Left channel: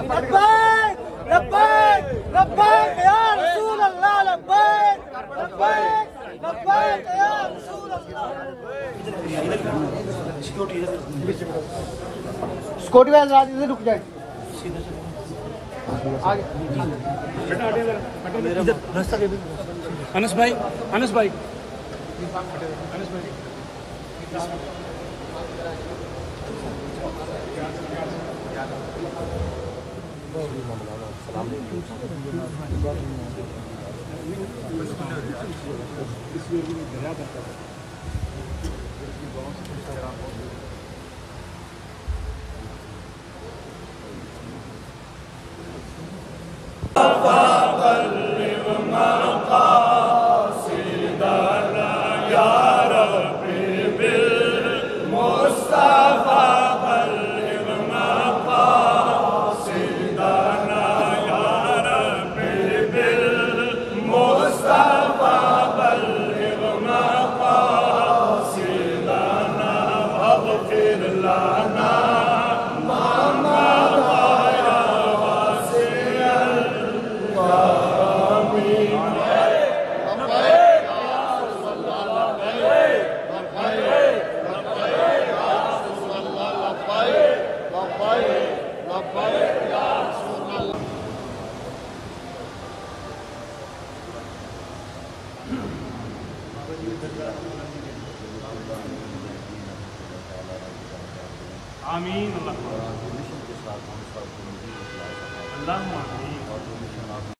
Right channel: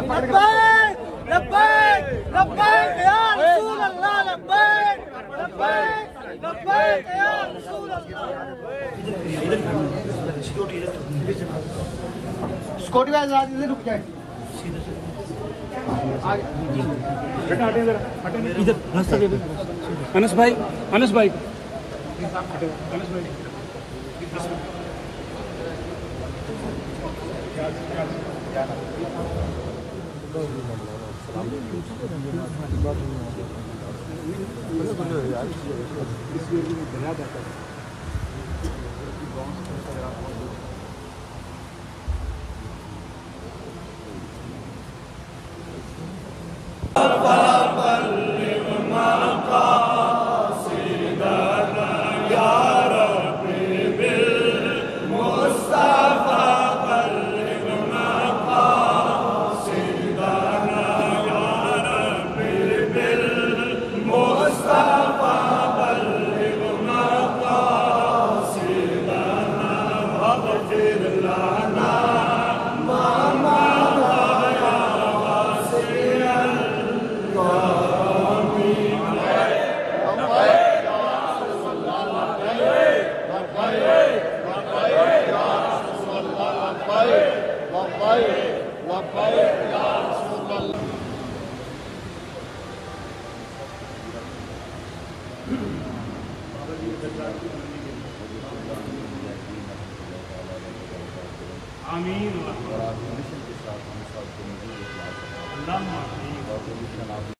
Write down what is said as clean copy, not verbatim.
لبيك لبيك لبيك يا رسول الله، لبيك لبيك لبيك يا رسول الله. سکیورٹی والے ادھر رک جائیں، ادھر راستہ دے. انس بھائی، انس بھائی آمین. اللہ